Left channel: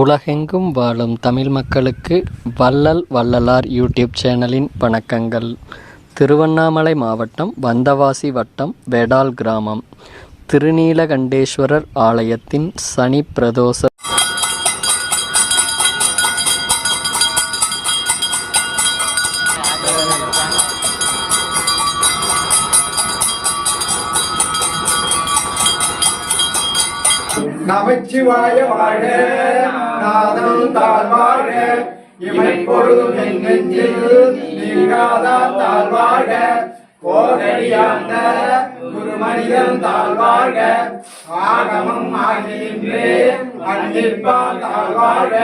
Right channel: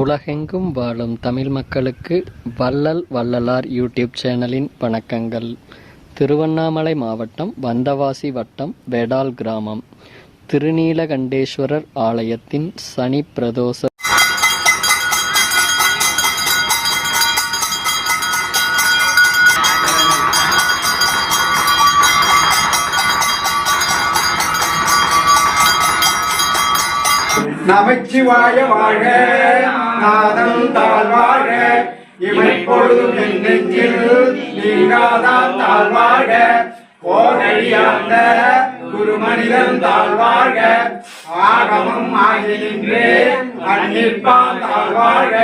உலகெங்கும் வாழும் தமிழ் மக்களுக்கு வள்ளல் வள்ளலார் யூடியூப் சேனலின் வணக்கங்கள். திருவண்ணாமலை மாவட்டம் வந்தவாசி வட்டம் வேடால் கிராமம் திருநீலகண்டேஸ்வரர் ஆலயத்தின் சனி பிரதோஷ நமச்சிவாய வாழ்க, நாதம் தாழ்வாழ்க, இமை பொழுதும் என் நெஞ்சில் நீங்காதான் தாழ்வாழ்க, ஓரடியாண்ட குரு மனிதன் தாழ்வாழ்க, ஆகமம் ஆகின்றே அன்னிற்பான் தாழ்வாழ்க,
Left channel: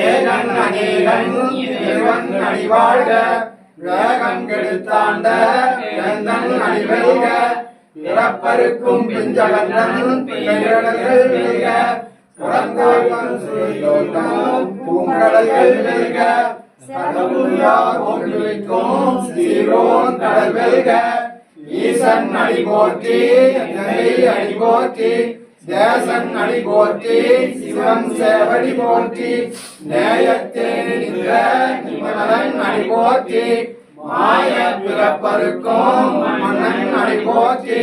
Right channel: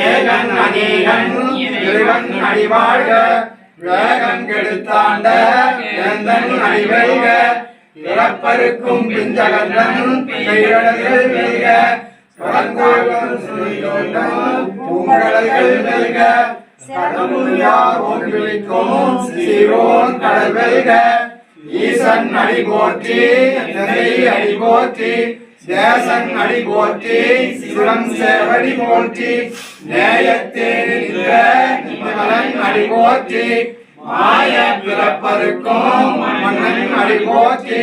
ஏகன் அநேகன் இறைவன் அடிவாழ்க, வேகன் கெடுத்தாண்ட வேந்தன் அடிவழ்க, பிறப்பருக்கும் பிஞ்சகந்தன் பெயரடர்கள் வெல்க, பூங்கடல்கள் வெல்க, கடவுளார் ஒன்றிக்கும் சீரோன் கடல் வெல்க, ஈசன் அடி போற்றி அடி போற்றி, தேசன் அடி போற்றி சிவன் சேவடி போற்றி, நேயத்தே நின்ற நிமலன் அடி போற்றி, மாய பிறப்பருக்கும் மன்னன் அடி போற்றி.